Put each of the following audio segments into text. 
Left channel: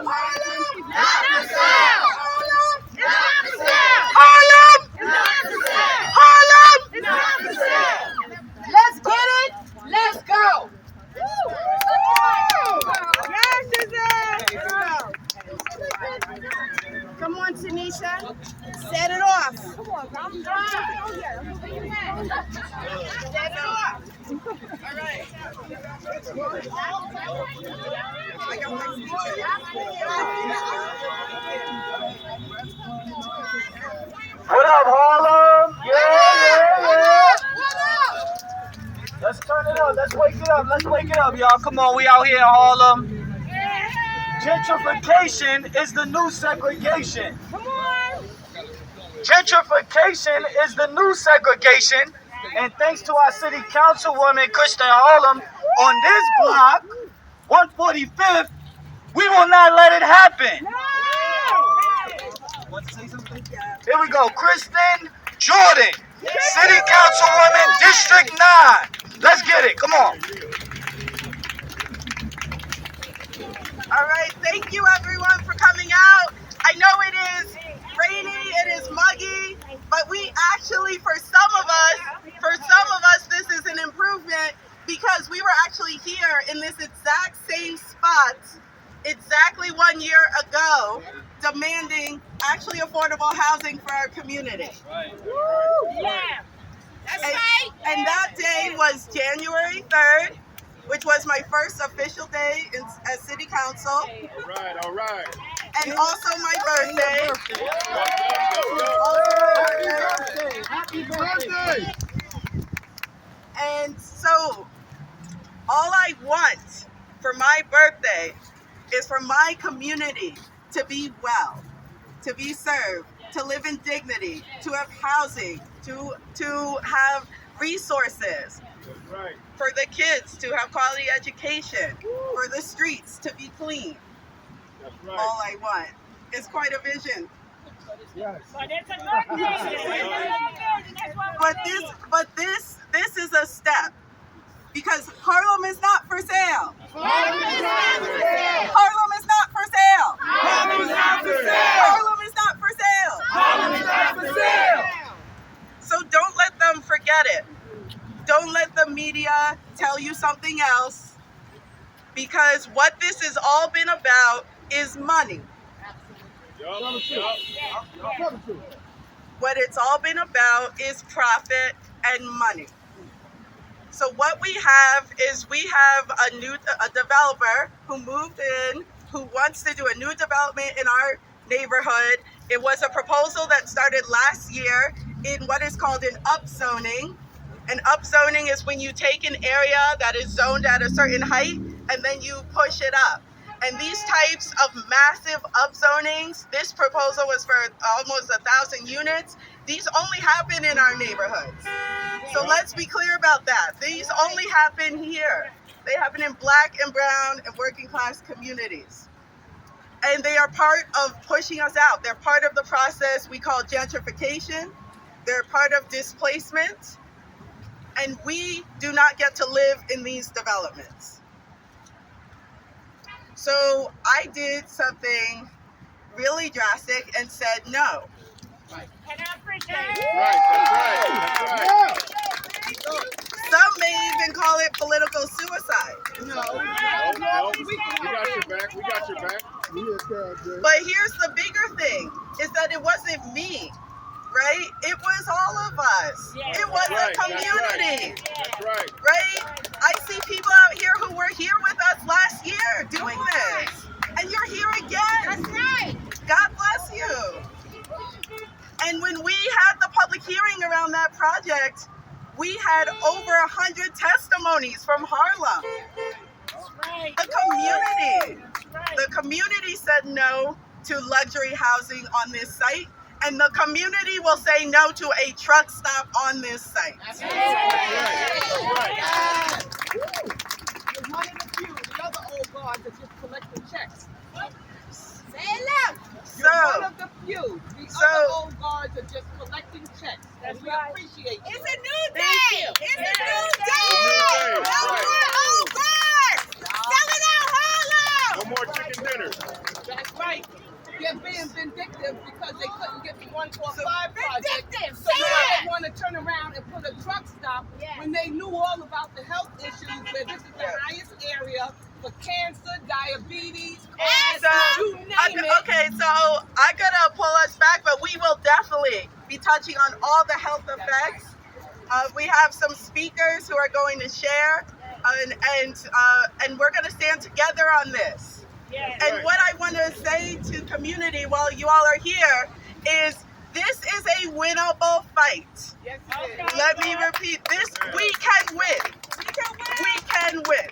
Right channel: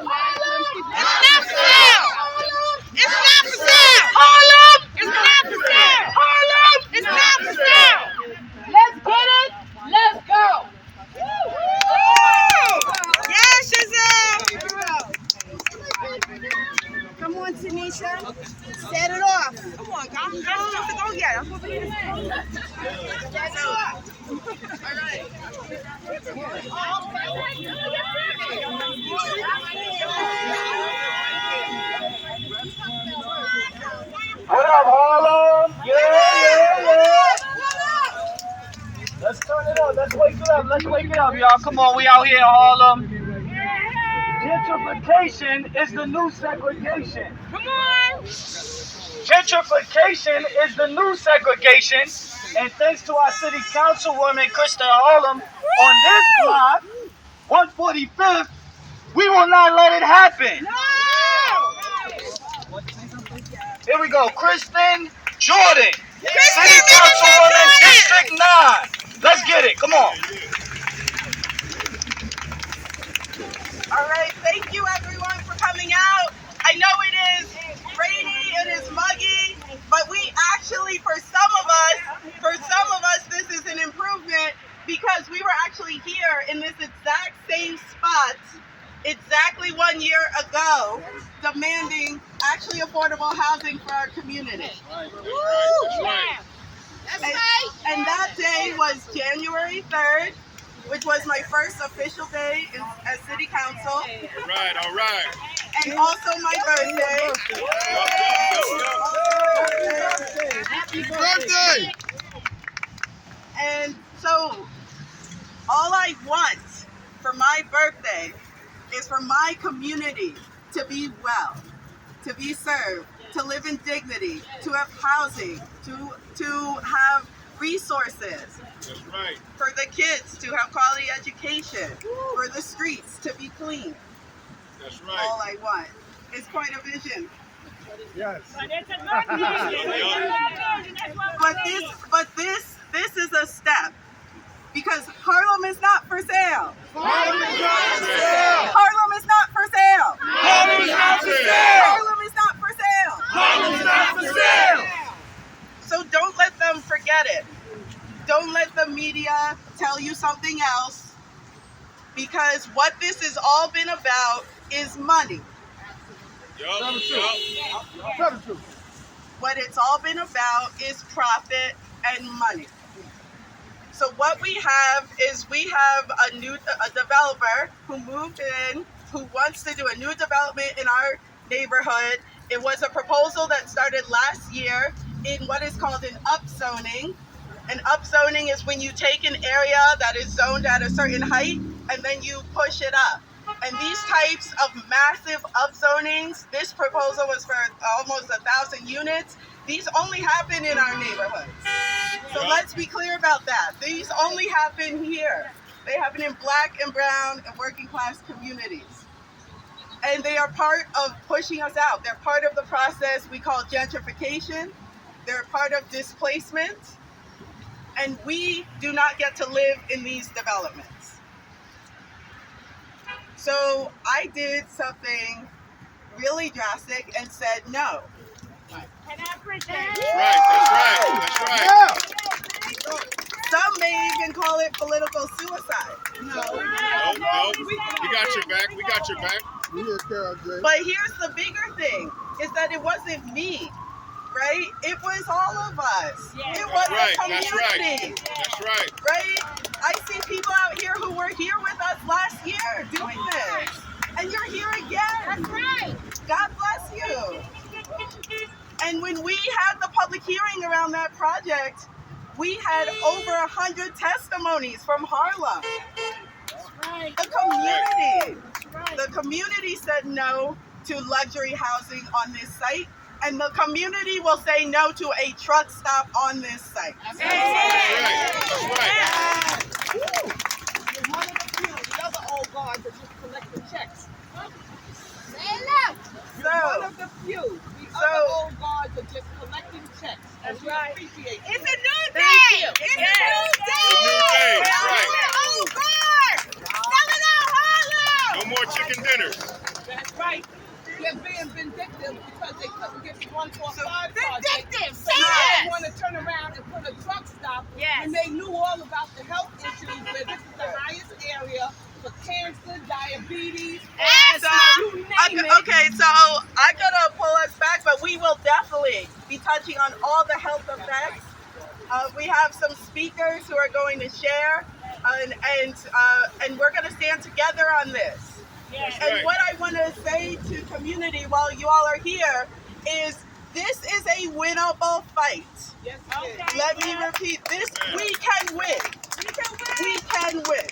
Let's get it. Let's go. Yes, Shazam! Come on, Tanisha. Set it off. Come on, guys. Go get it. Set it off. All right. What up, Harlem? Yeah. Let's turn it up. Let's wake it up, y'all. Come on, we out here in Harlem. Gentrification is the new segregation. Come on. Gentrification is the new segregation. And thanks to our city councilwoman, Krista Harlem, on this block, 145th, we will not let it happen. Here we go. Kristen Jordan, city councilwoman, District 9. Let's get it. Come on. All right. Thank you, everyone, for coming out. I know it is rainy, it is muggy, but we actually, for some of us, this is an improvement because we were actually here in this exact same spot exactly 1 year ago, demanding actually affordable housing for our community. And that day was January 3rd, which was my first official day as city council. All right. And also my birthday. Happy birthday. And so all I want for my birthday is for my community to be well, to be served, to live in dignity, to have housing, to have resources. That's right. For the kids to have quality education, for the streets to be clean. That's right. All I want. It's quite a vision. Yes. But this is a step, because Harlem is not for sale. Harlem is not for sale. Harlem is not for sale. Harlem is not for sale. Harlem is not for sale. Harlem is not for sale. So don't let them forget it. Don't let the media tell you something else, because what this has all been about is money. Tell the truth. What it's all been about is profit and money. So what we have is we have a developer who moved in, who wants to do a new development in our neighborhood. It was a proposal that started last year in what is called an upzoning. An upzoning is when you take an area that is zoned at a certain height and then you push it up. And these types of massive upzonings, this proposal was for almost 1,000 units. These only happen in our neighborhoods. So let's be clear about that. These only happen here. They happen in Black and brown and working class communities. And they are part of pushing us out. They're part of the process we call gentrification. They're part of displacement. And we do not get to live in these developments. So I did something really drastic and said no. That's right. Some may even call it political suicide. No. We got your back. But here's the bigger thing, is that it wasn't me, right? It was all of us. It was the community. That's right. Right? I see people out here who were here with us last year doing this. And you're here again. That's right. God bless you. And when we had the public hearing around that project, we had over 100 testimonies from Harlem. The community said no to luxury housing on this site, and the community will say no to a truck stop on this site. That's right. The other old guard that just collecting checks. So, One of the few. The other old guards are just collecting checks. That's we appreciate you. It's a new day. It's a new day. That's right. Oh, God. Selling out Harlem. No more chicken dinners. That's right. They're being vindictive because they couldn't get the 145 project. Vindictive, So now yes. they want to turn around and put a truck stop Yes. when they knew all about the health issues, where this is the highest area for cancer, diabetes, asthma, you name it. Okay, so I gotta pull us back, but we will definitely be touching on all the health effects. We have some speakers who are going to share, and we're going to stand together on this. Yes. And Right. what I want to say to community while you all are here is this is a winnable fight. Yes, it is. Let me repeat this. We can win. We can win.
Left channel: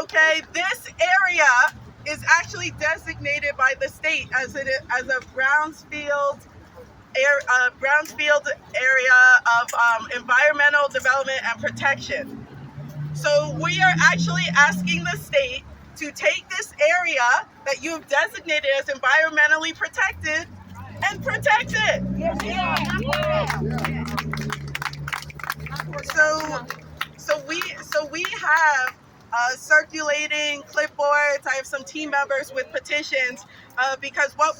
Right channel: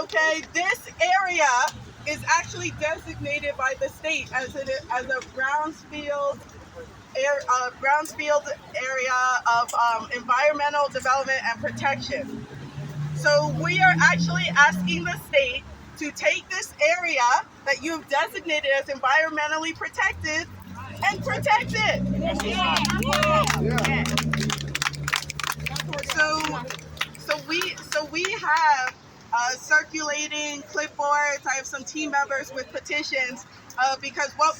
Okay, this area is actually designated by the state as a brownfield area of environmental development and protection. So we are actually asking the state to take this area that you've designated as environmentally protected and protect it. So we have circulating clipboards. I have some team members with petitions because what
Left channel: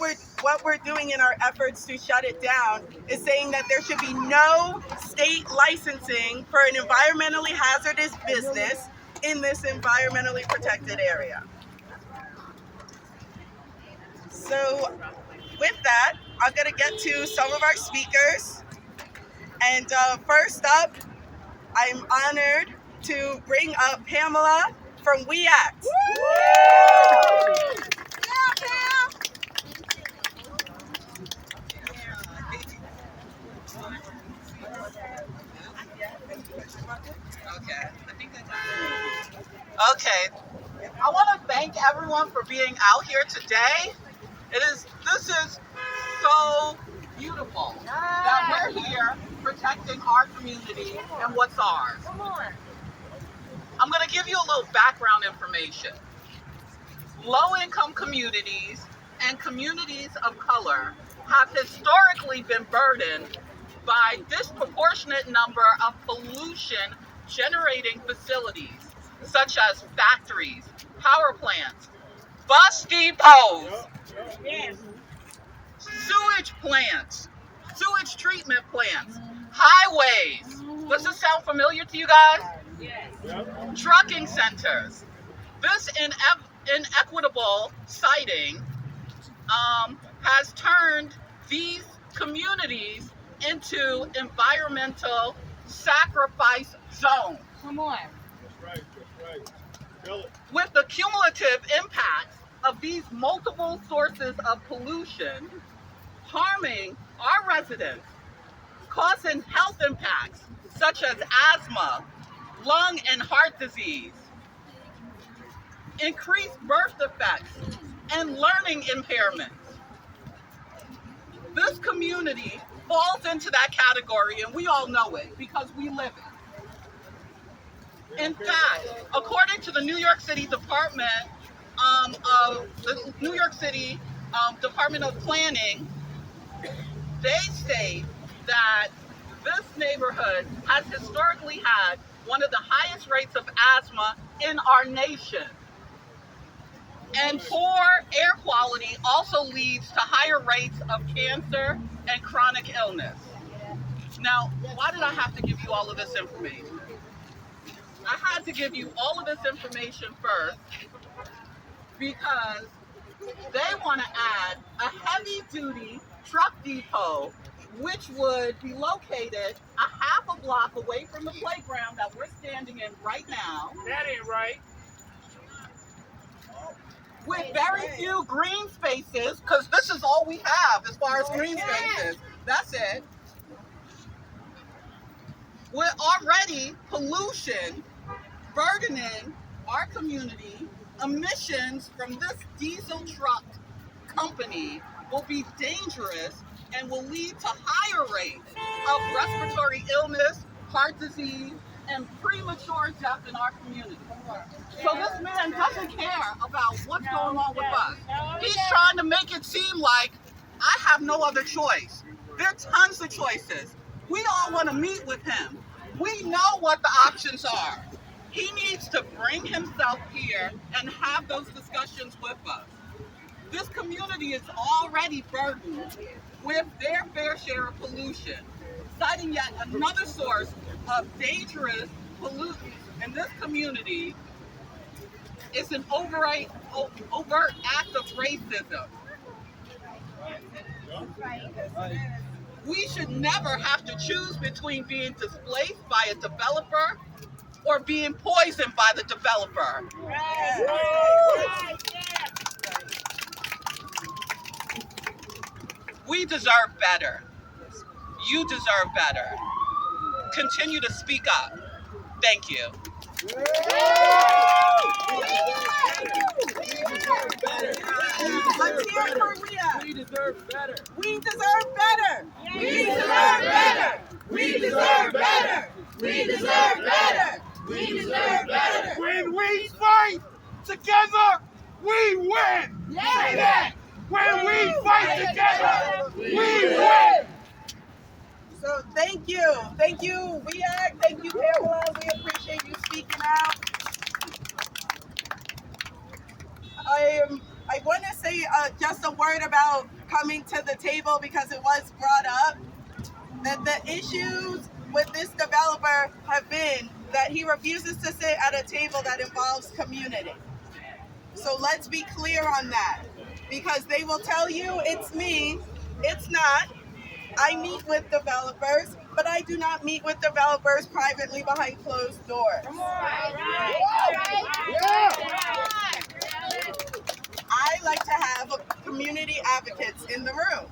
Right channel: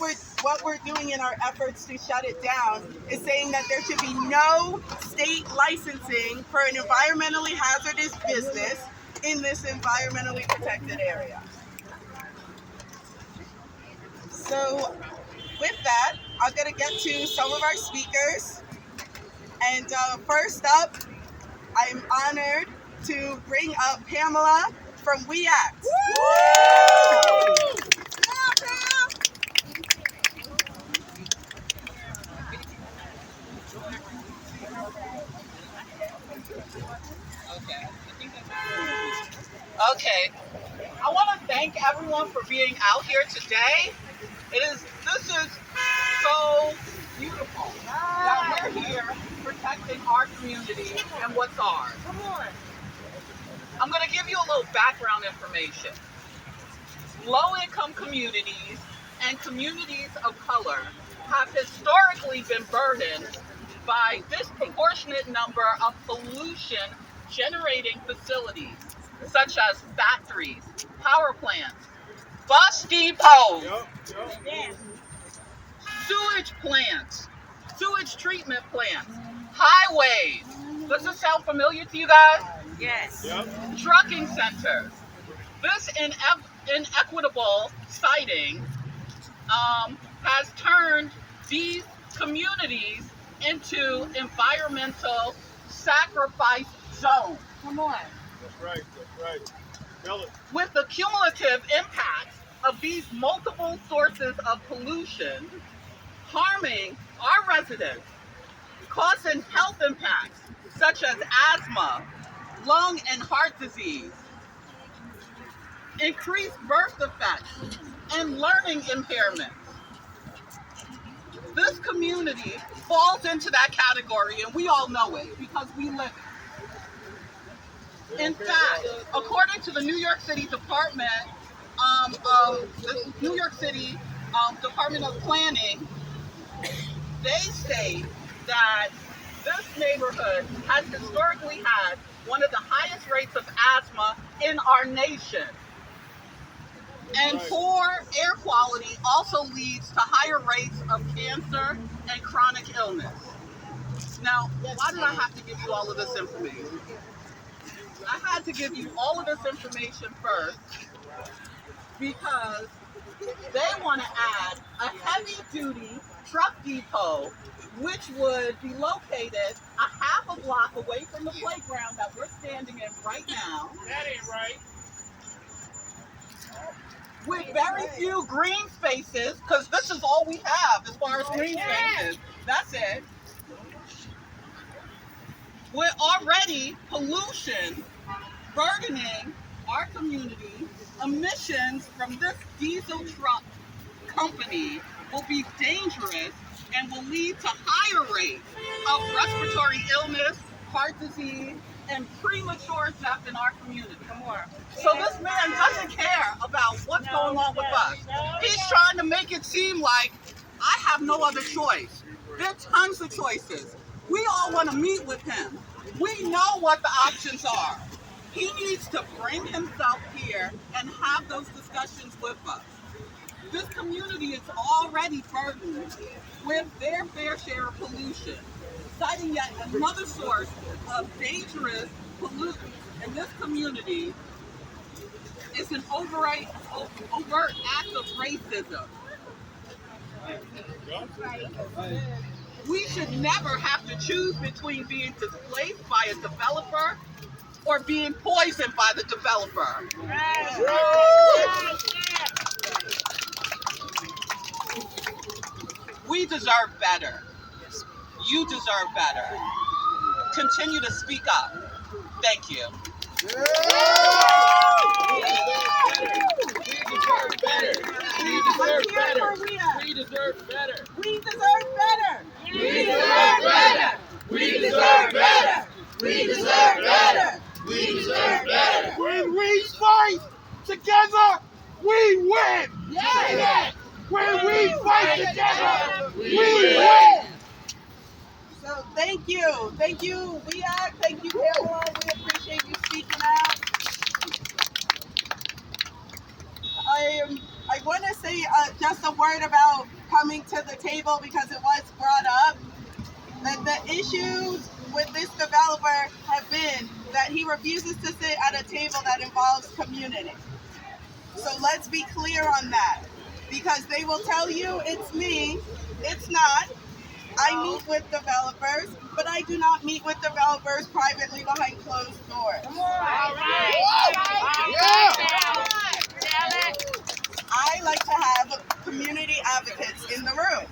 we're doing in our efforts to shut it down is saying that there should be no state licensing for an environmentally hazardous business in this environmentally protected area. So with that, I'm going to get to some of our speakers. And first up, I'm honored to bring up Pamela from We Act. Okay. I want to thank everyone for being out here today. This is so beautiful that we're here protecting our community and what's ours. I'm going to give you a little background information. Low-income communities and communities of color have historically been burdened by disproportionate number of pollution generating facilities such as factories, power plants, bus depots, sewage plants, sewage treatment plants, highways. Does this sound familiar to you guys? Yes. Trucking centers. This inequitable siting has turned these communities into environmental sacrifice zones. Come on. That's right. That's right. Tell it. With the cumulative impacts of these multiple sources of pollution harming our residents, causing health impacts such as asthma, lung and heart disease, increased birth defects, and learning impairments. This community falls into that category, and we all know it because we live it. In fact, according to the New York City Department Department of Planning, they say that this neighborhood has historically had one of the highest rates of asthma in our nation. And poor air quality also leads to higher rates of cancer and chronic illness. Now, why did I have to give you all of this information? I had to give you all of this information first because they want to add a heavy-duty truck depot, which would be located a half a block away from the playground that we're standing in right now. That ain't right. With very few green spaces, because this is all we have as far as green spaces. That's it. With already pollution burdening our community, emissions from this diesel truck company will be dangerous and will lead to higher rates of respiratory illness, heart disease, and premature death in our community. So this man doesn't care about what's going on with us. He's trying to make it seem like I have no other choice. There are tons of choices. We all want to meet with him. We know what the options are. He needs to bring himself here and have those discussions with us. This community is already burdened with their fair share of pollution, citing yet another source of dangerous pollutants in this community is an overt act of racism. We should never have to choose between being displaced by a developer or being poisoned by the developer. We deserve better. You deserve better. Continue to speak up. Thank you. We deserve better. We deserve better. We deserve better. We deserve better. We deserve better. We deserve better. We deserve better. We deserve better. When we fight together, we win. Say that. When we fight together, we win. So thank you. Thank you, WEAC. Thank you, Pamela. We appreciate you speaking out. I want to say just a word about coming to the table because it was brought up that the issues with this developer have been that he refuses to sit at a table that involves community. So let's be clear on that because they will tell you it's me. It's not. I meet with developers, but I do not meet with developers privately behind closed doors. Come on. Yeah. I like to have community advocates in the room,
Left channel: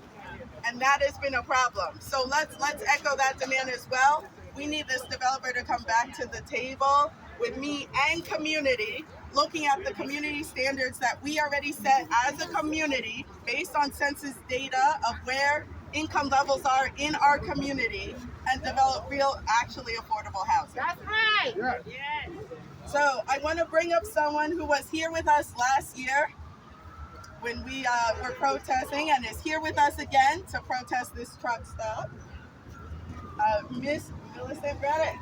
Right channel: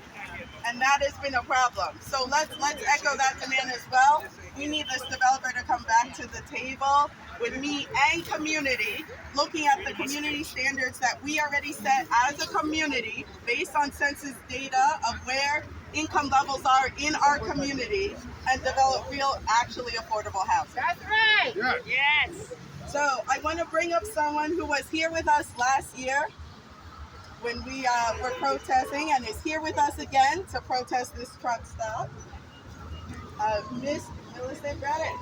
and that has been a problem. So let's echo that demand as well. We need this developer to come back to the table with me and community, looking at the community standards that we already set as a community based on census data of where income levels are in our community and develop real, actually affordable housing. That's right. Yeah. Yes. So I want to bring up someone who was here with us last year when we were protesting and is here with us again to protest this truck stop. Miss Millicent Reddick.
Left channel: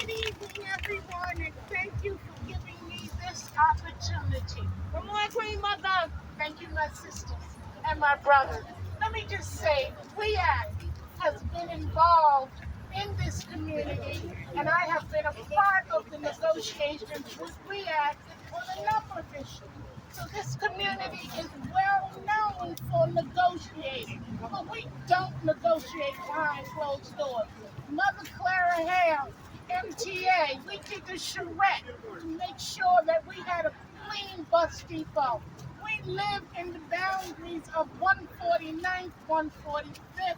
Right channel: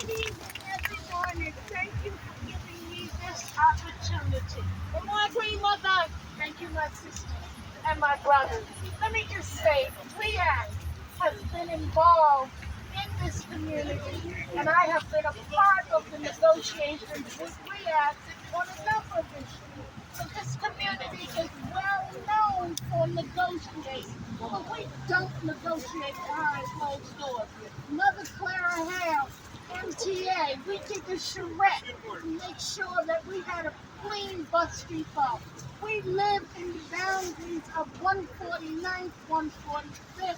Good evening, everyone, and thank you for giving me this opportunity. Come on, Queen Mother. Thank you, my sisters and my brothers. Let me just say, WEAC has been involved in this community, and I have been a part of the negotiations with WEAC on a number of issues. So this community is well known for negotiating, but we don't negotiate behind closed doors. Mother Clara Hale, MTA, we did the charrette to make sure that we had a clean bus depot. We live in the boundaries of 149th, 145th,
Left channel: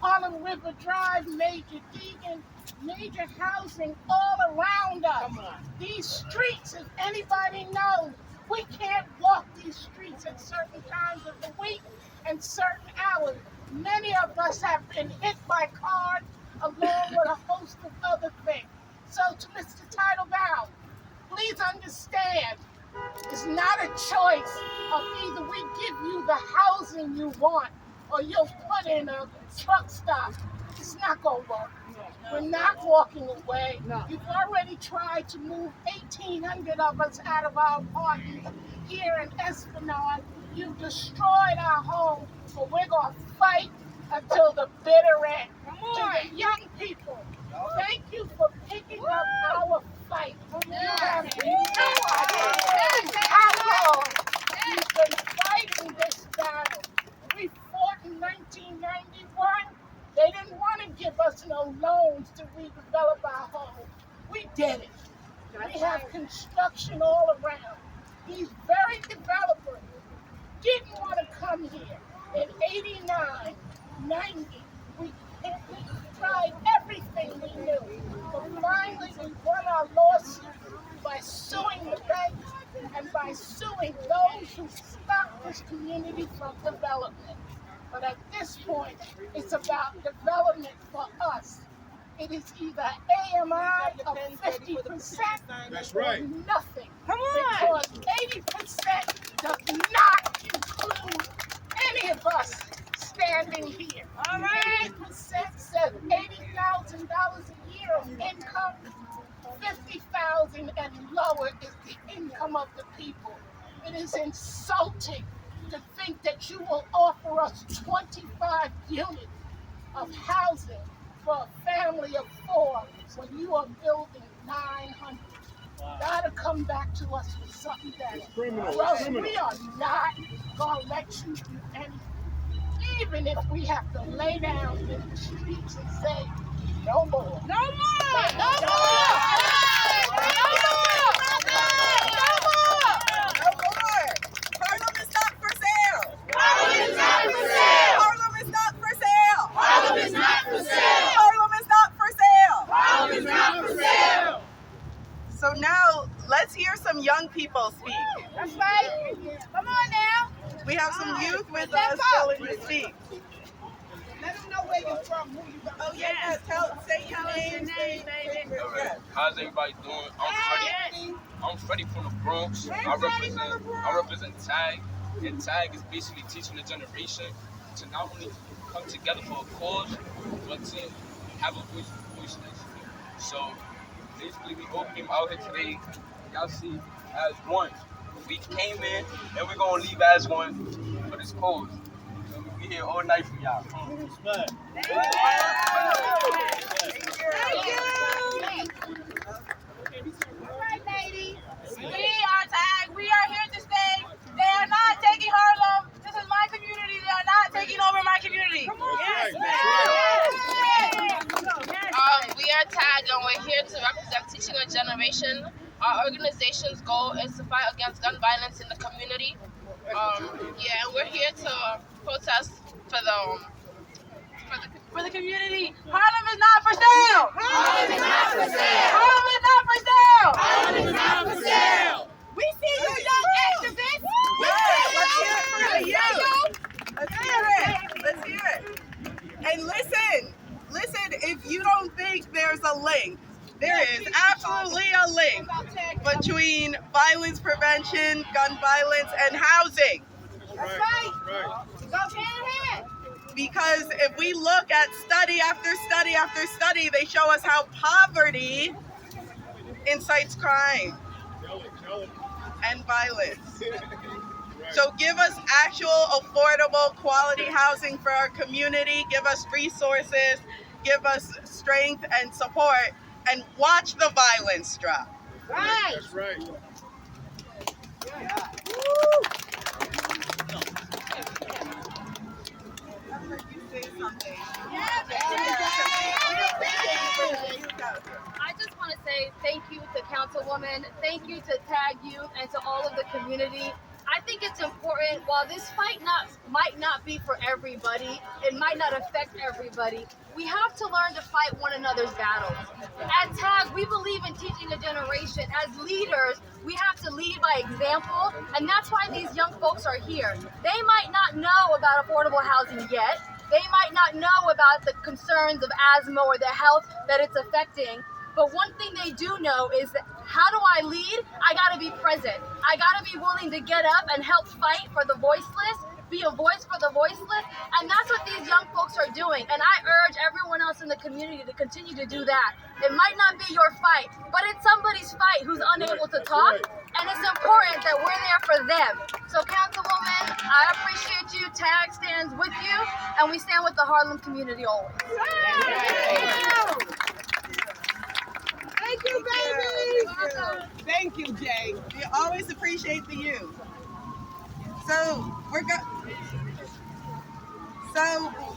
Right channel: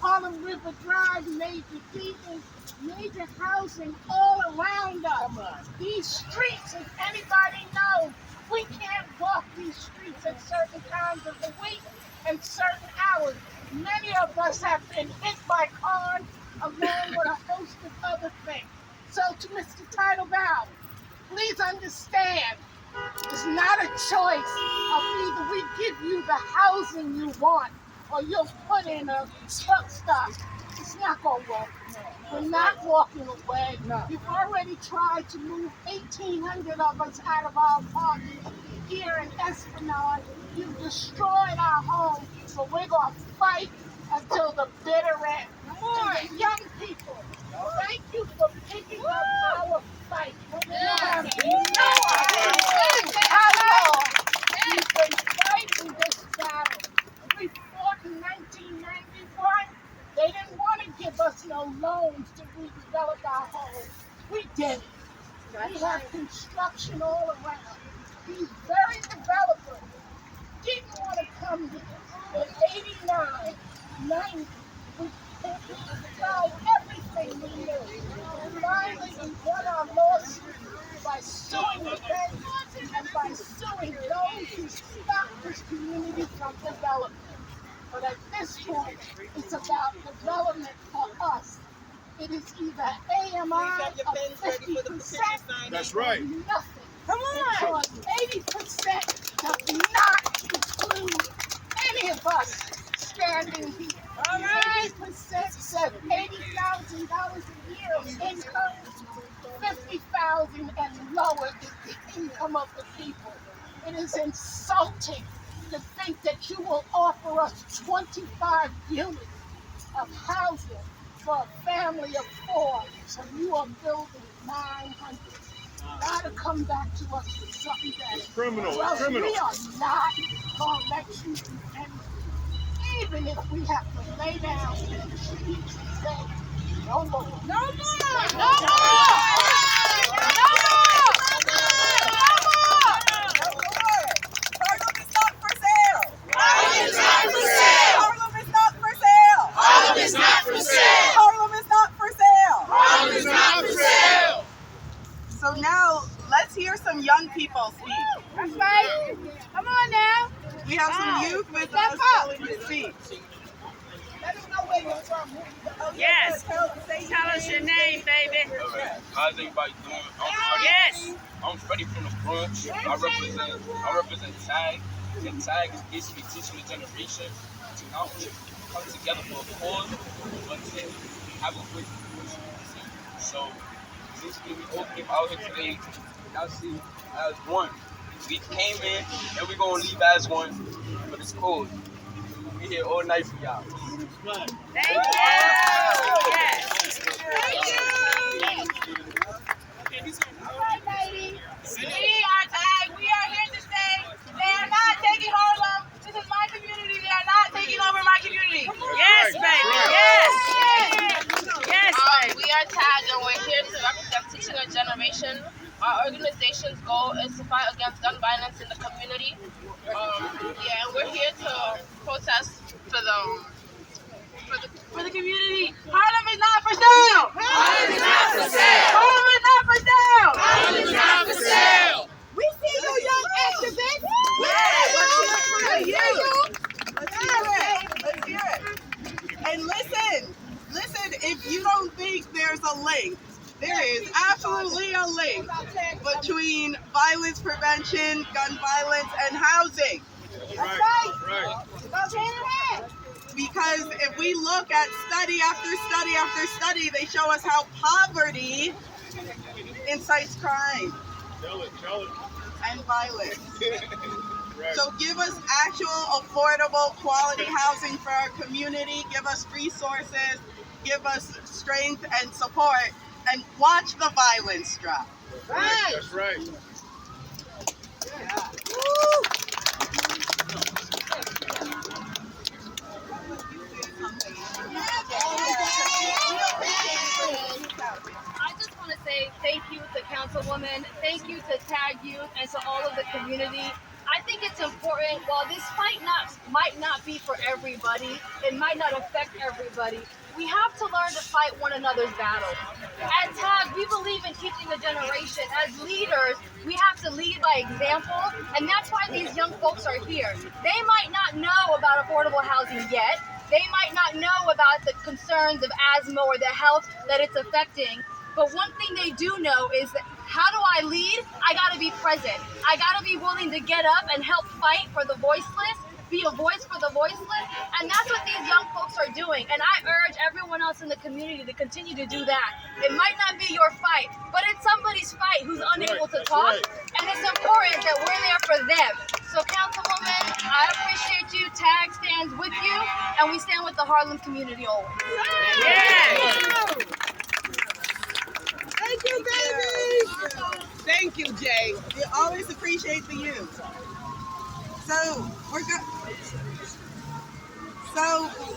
Harlem River Drive, Major Deegan, major housing all around us. These streets, if anybody knows, we can't walk these streets at certain times of the week and certain hours. Many of us have been hit by cars along with a host of other things. So to Mr. Tidal Val, please understand, it's not a choice of either we give you the housing you want or you'll put in a truck stop. It's not going to work. We're not walking away. You've already tried to move 1,800 of us out of our apartment here in Esplanade. You've destroyed our home, but we're going to fight until the bitter end. To the young people, thank you for picking up our fight. You have no idea how long we've been fighting this battle. We fought in 1991. They didn't want to give us no loans to redevelop our home. We did it. We have construction all around. These very developers didn't want to come here. In 89, 90, we tried everything we knew. But finally, we won our lawsuit by suing the banks and by suing those who stopped this community from development. But at this point, it's about development for us. It is either AMI of 50%. That's right. Or nothing. Come on. Because 80% does not include any of us standing here. All right. 80% says 80,000 come up with people. It is insulting to think that you will offer us 25 units of housing for a family of 4 when you are building 900. Gotta come back to us with something better. It's criminal. Well, It's criminal. we are not gonna let you do anything, even if we have to lay down in the streets and say, no more. No more! No more! Harlem is not for sale. Harlem is not for sale! Harlem is not for sale. Harlem is not for sale! Harlem is not for sale. Harlem is not for sale! So now let's hear some young people speak. That's right. Come on now. We have some youth with us willing to speak. Let them know where you're from. Who you got. Oh, yes. Tell us your name, baby. All right. How's everybody doing? I'm Freddie from the Bronx. I represent TAG, and TAG is basically teaching the generation to not only come together for a cause, but to have a voice. So basically, we all came out here today. Y'all see, as one. We came in, and we're gonna leave as one for this cause. We here all night for y'all. Thank you! All right, lady. We are TAG. We are here to say they are not taking Harlem. This is my community. They are not taking over my community. Yes, baby! Yes! We are TAG and we're here to represent Teaching a Generation. Our organization's goal is to fight against gun violence in the community. And we're here to protest for the community. Harlem is not for sale. Harlem is not for sale! Harlem is not for sale. Harlem is not for sale! We see you, young activists. Let's hear it. And listen, if you don't think there's a link, there is absolutely a link between violence prevention, gun violence, and housing. That's right. Because if we look at study after study after study, they show us how poverty incites crime Tell it. and violence. Right. So give us actual affordable quality housing for our community, give us resources, give us strength and support, and watch the violence drop. That's right. I just want to say thank you to Councilwoman, thank you to TAG Youth, and to all of the community. I think it's important, while this fight might not be for everybody, it might not affect everybody, we have to learn to fight one another's battles. At TAG, we believe in teaching a generation. As leaders, we have to lead by example, and that's why these young folks are here. They might not know about affordable housing yet. They might not know about the concerns of asthma or the health that it's affecting. But one thing they do know is that how do I lead? I gotta be present. I gotta be willing to get up and help fight for the voiceless, be a voice for the voiceless, and that's what these young folks are doing. And I urge everyone else in the community to continue to do that. It might not be your fight, but it's somebody's fight who's unable to talk, and it's important that we're there for them. So Councilwoman, I appreciate you. TAG stands with you, and we stand with the Harlem community always. Thank you, baby! Thank you, Jay. We always appreciate the youth. So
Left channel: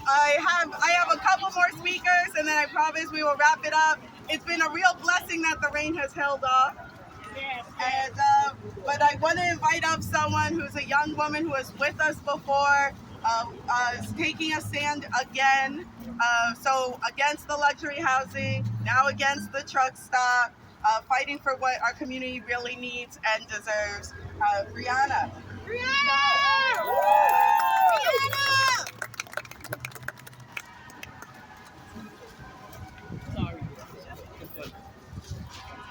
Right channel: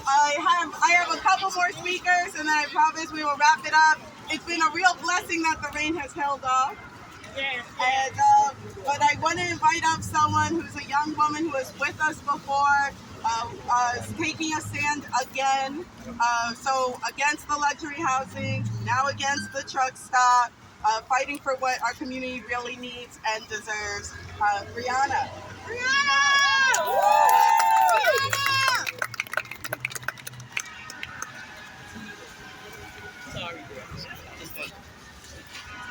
I have a couple more speakers, and then I promise we will wrap it up. It's been a real blessing that the rain has held off. And but I want to invite up someone who's a young woman who was with us before, taking a stand again. So against the luxury housing, now against the truck stop, fighting for what our community really needs and deserves. Brianna.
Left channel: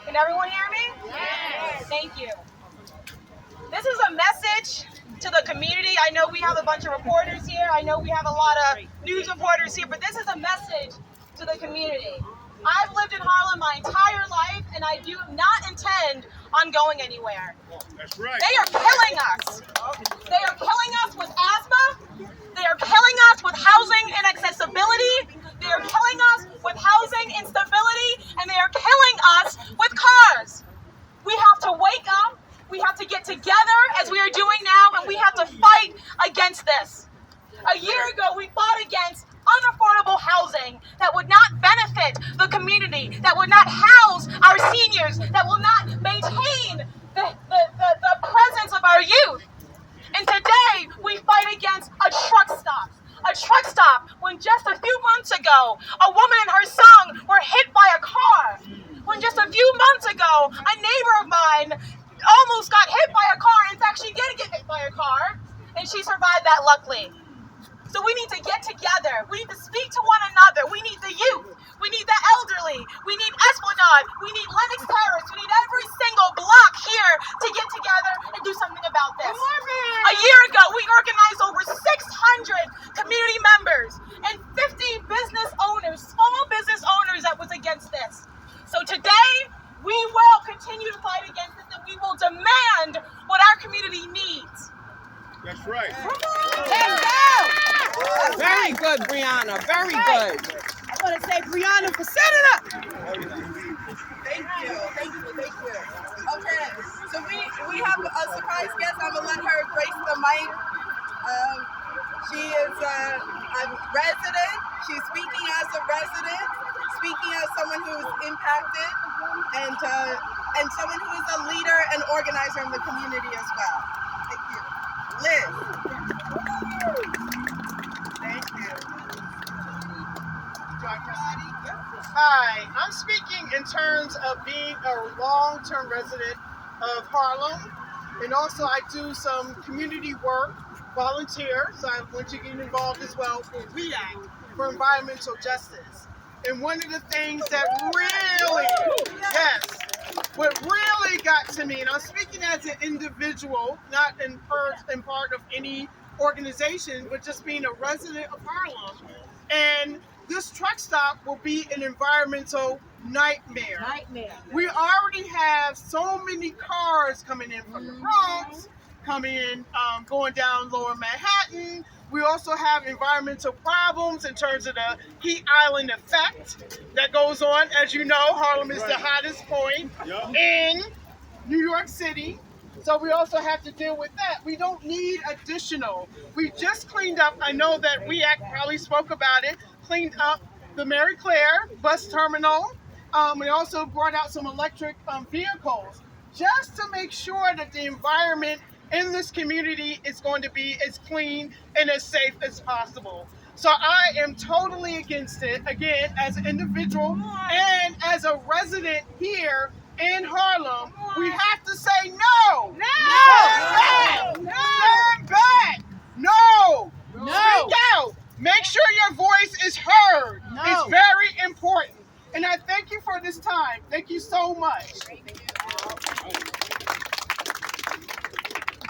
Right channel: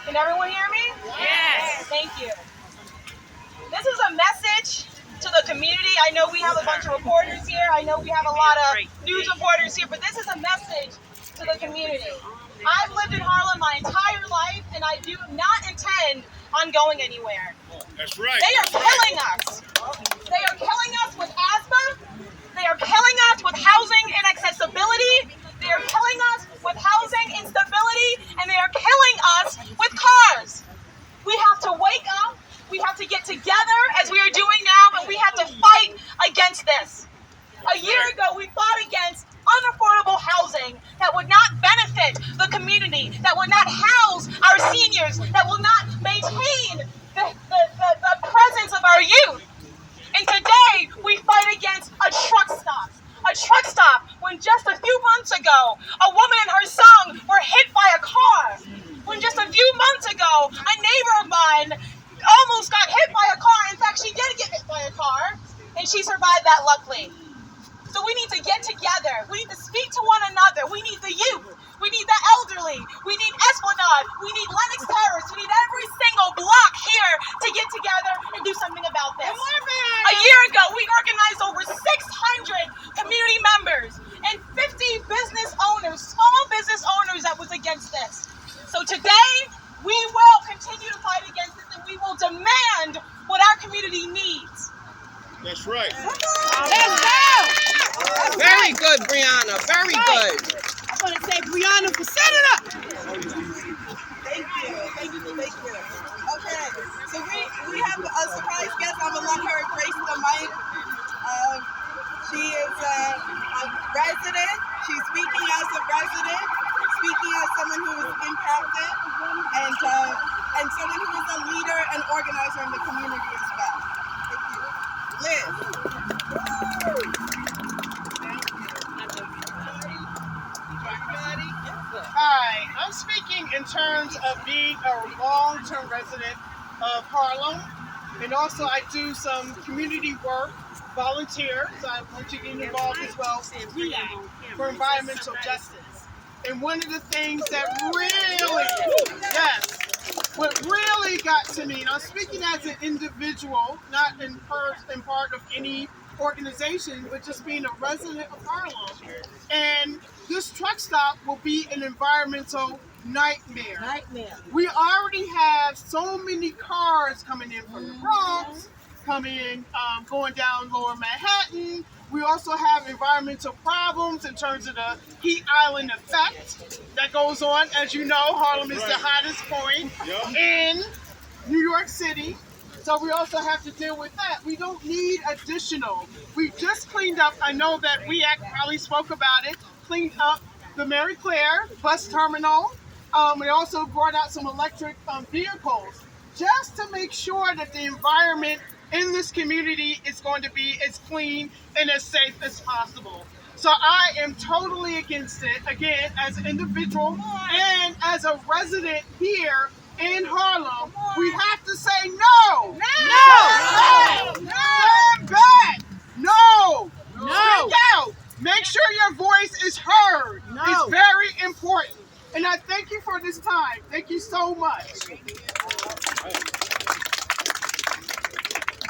Can everyone hear me? Yes. Thank you. This is a message to the community. I know we have a bunch of reporters here. I know we have a lot of news reporters here, but this is a message to the community. I've lived in Harlem my entire life, and I do not intend on going anywhere. That's right. They are killing us. They are killing us with asthma. They are killing us with housing inaccessibility. They are killing us with housing instability. And they are killing us with cars. We have to wake up. We have to get together as we are doing now, and we have to fight against this. A year ago, we fought against unaffordable housing that would not benefit the community, that would not house our seniors, that will not maintain the presence of our youth. And today, we fight against a truck stop. A truck stop when just a few months ago, a woman and her son were hit by a car. When just a few months ago, a neighbor of mine almost got hit by a car. In fact, she did get hit by a car, and she survived that luckily. So we need to get together. We need to speak to one another. We need the youth. We need the elderly. We need Esplanade. We need Lenox Terrace. We need every single block here to get together and do something about this. A year ago, we organized over 600 community members and 50 business owners, small business owners that was against this. So today, we will continue to fight against this, and we will demand what our community needs. That's right. Very good, Brianna. Very good. I want to say Brianna for senator. Thank you. Okay, so we have a surprise guest. I'm gonna let her grace the mic. She is a resident. She's speaking as a resident, speaking as someone who is impacted, and someone who is a leader and organizer in the community as well. Thank you, Liz. Hi, I'm speaking in terms of being a long-term resident of Harlem, and also I do some community work, volunteer, so I'm going to get involved as well in REACT for environmental justice. And one of the things that what really got to me, and I'm speaking as an individual, not in part of any organization, but just being a resident of Harlem. And this truck stop will be an environmental nightmare. We already have so many cars coming in from the Bronx, going down Lower Manhattan. We also have environmental problems in terms of the heat island effect that goes on. As you know, Harlem is the hottest point in New York City. So we also have to deal with that. We don't need additional. We just cleaned up, I know that REACT probably spoke about it, cleaned up the Mary Claire bus terminal. We also brought out some electric vehicles just to make sure that the environment in this community is going to be as clean and as safe as possible. So I am totally against it, again, as an individual and as a resident here in Harlem. We have to say no! Stand back! No! Speak out! Make sure your voice is heard. It's very important. And I thank you for this time. Thank you so much.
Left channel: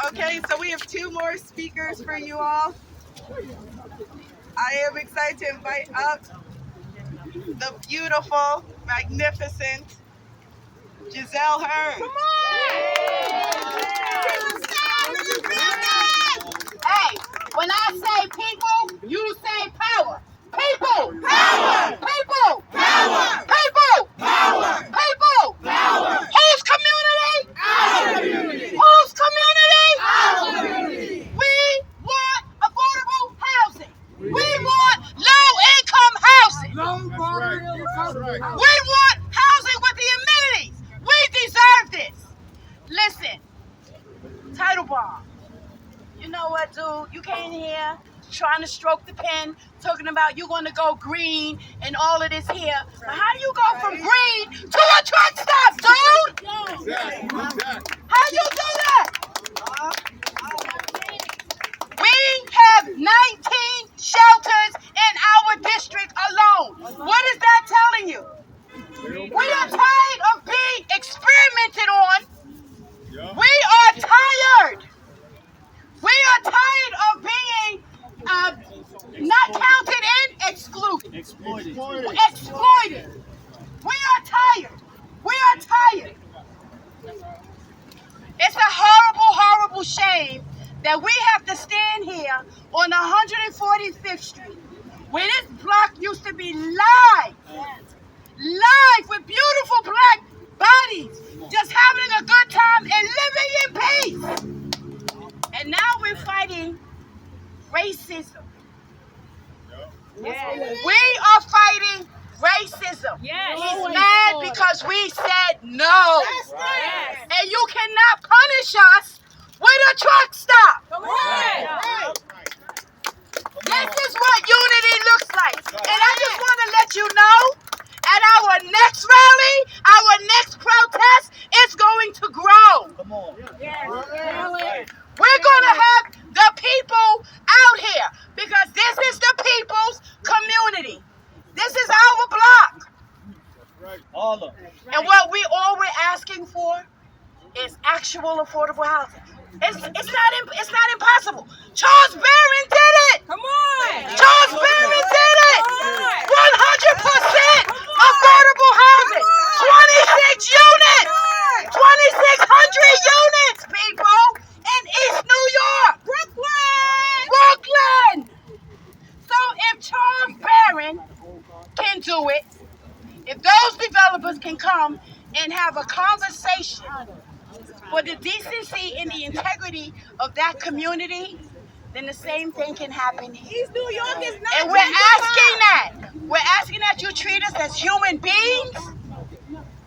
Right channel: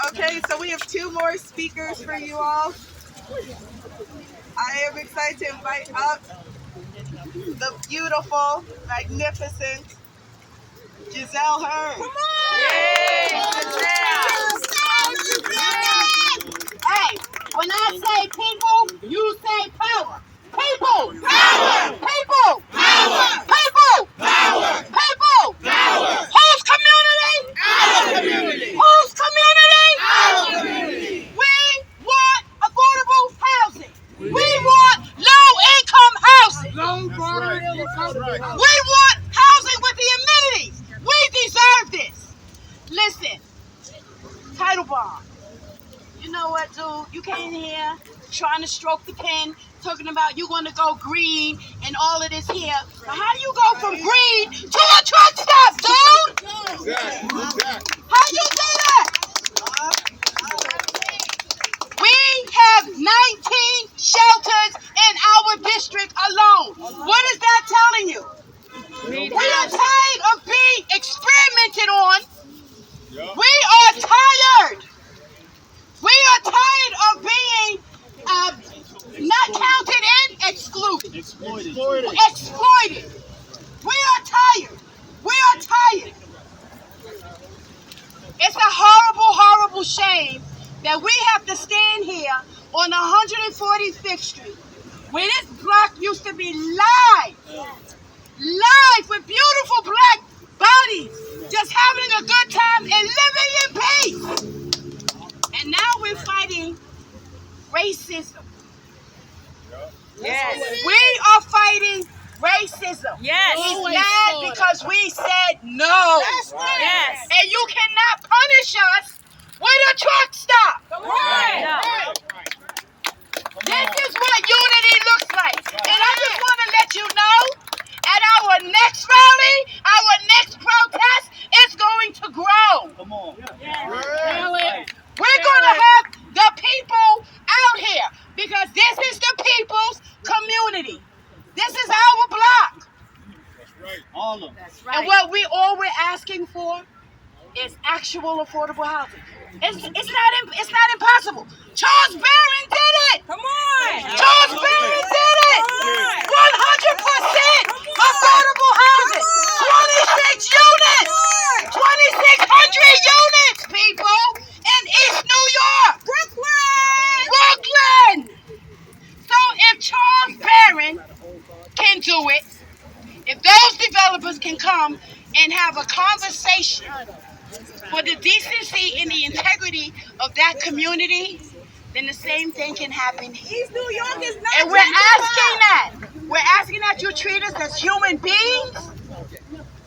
Okay, so we have two more speakers for you all. I am excited to invite up the beautiful, magnificent Giselle Hearn. Come on! Hey, when I say people, you say power. People! Power! People! Power! People! Power! People! Power! Whose community? Our community! Whose community? Our community! We want affordable housing. We want low-income housing. We want housing with the amenities. We deserve this. Listen, title bond. You know what, dude? You came here trying to stroke the pen, talking about you're going to go green and all of this here. But how do you go from green to a truck stop, dude? How you do that? We have 19 shelters in our district alone. What is that telling you? We are tired of being experimented on. We are tired. We are tired of being not counted in, excluded. Exploited. We are tired. We are tired. terrible shame that we have to stand here on 145th Street, where this block used to be live with beautiful black bodies, just having a good time and living in peace. And now we're fighting racism. Yes. We are fighting racism. Yes. He's mad because we said no. That's right. Yes. And you cannot punish us with a truck stop. Right. This is what unity looks like. And I just want to let you know, at our next rally, our next protest, it's going to grow. Come on. We're going to have the people out here because this is the people's community. This is our block. That's right. All of them. And what we're asking for is actual affordable housing. It's not impossible. Charles Barron did it. Come on. Charles Barron did it. 100% affordable housing. 26 units. 2,600 units, people, in East New York. Brooklyn. So if Charles Barron can do it, if those developers can come and have a conversation for the decency and the integrity of that community, then the same thing can happen here. East New York is not. And we're asking that. We're asking that you treat us as human beings,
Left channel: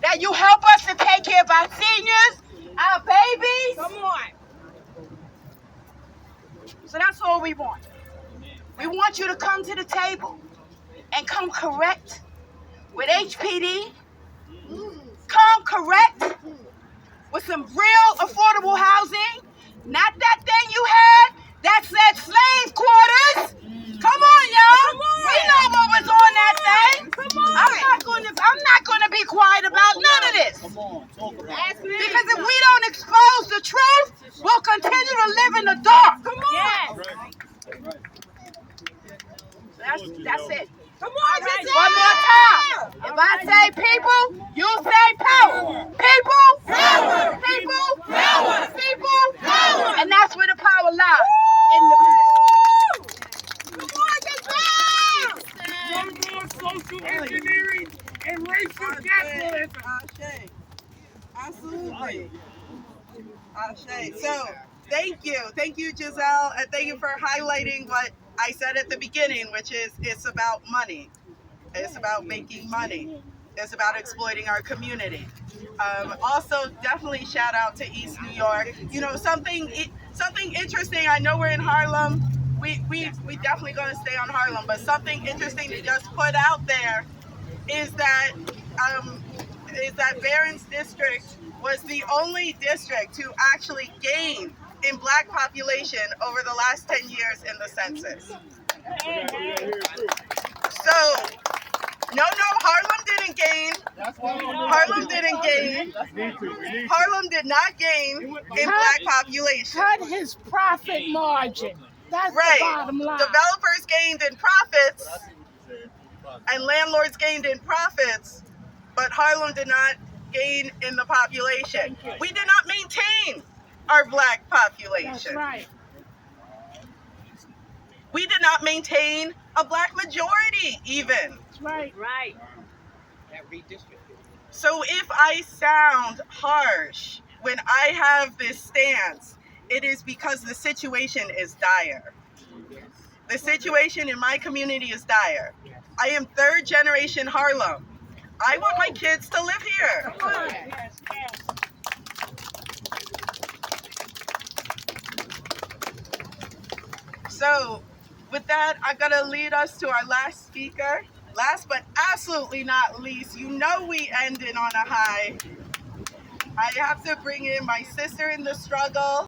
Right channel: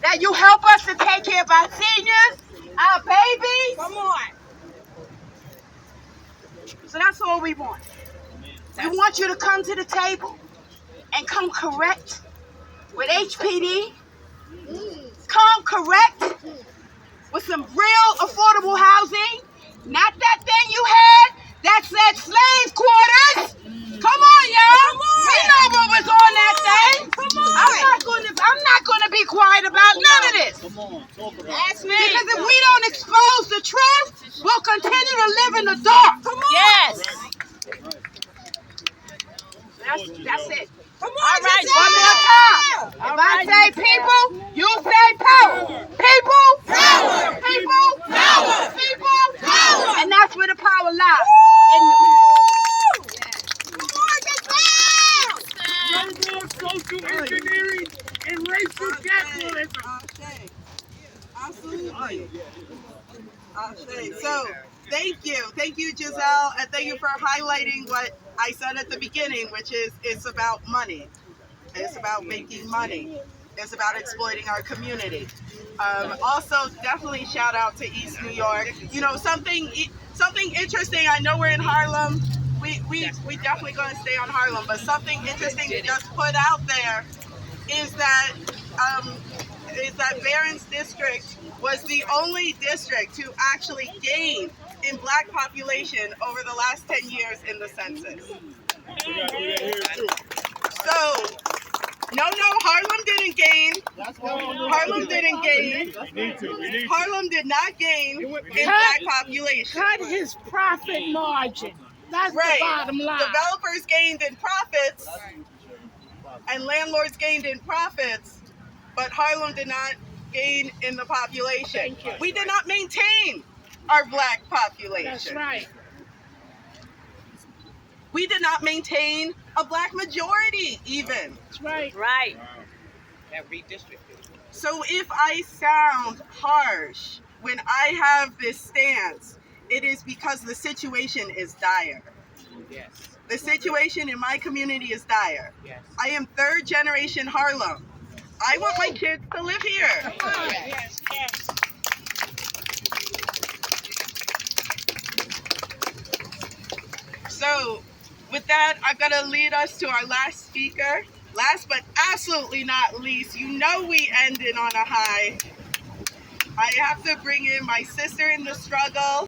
that you help us to take care of our seniors, our babies. Come on. So that's all we want. We want you to come to the table and come correct with HPD. Come correct with some real affordable housing. Not that thing you had that said slave quarters. Come on, y'all. We know what was on that thing. I'm not gonna be quiet about none of this. Come on. Talk about it. Because if we don't expose the truth, we'll continue to live in the dark. Come on. Yes. That's it. Come on. All right, one more time. If I say people, you say power. People, power. People, power. People, power. And that's where the power lies. In the Come on, Social engineering and racist capitalism. Absolutely. So, thank you, Giselle, and thank you for highlighting what I said at the beginning, which is it's about money. It's about making money. It's about exploiting our community. Also, definitely shout out to East New York. You know, something interesting. I know we're in Harlem. We definitely going to stay on Harlem, but something interesting to just put out there is that Barron's district was the only district to actually gain in black population over the last 10 years in the census. So, no, Harlem didn't gain. Harlem didn't gain. Harlem did not gain in black population. Cut his profit margin. That's Right. the bottom line. Developers gained in profits and landlords gained in profits, but Harlem did not gain in the population. We did not maintain our black population. That's right. We did not maintain a black majority even. That's right. Right. So if I sound harsh when I have this stance, it is because the situation is dire. Yes. The situation in my community is dire. Yes. I am third generation Harlem. I want my kids to live here. Yes. Yes. So with that, I'm going to lead us to our last speaker. Last but absolutely not least, you know we ended on a high. I have to bring in my sister in the struggle,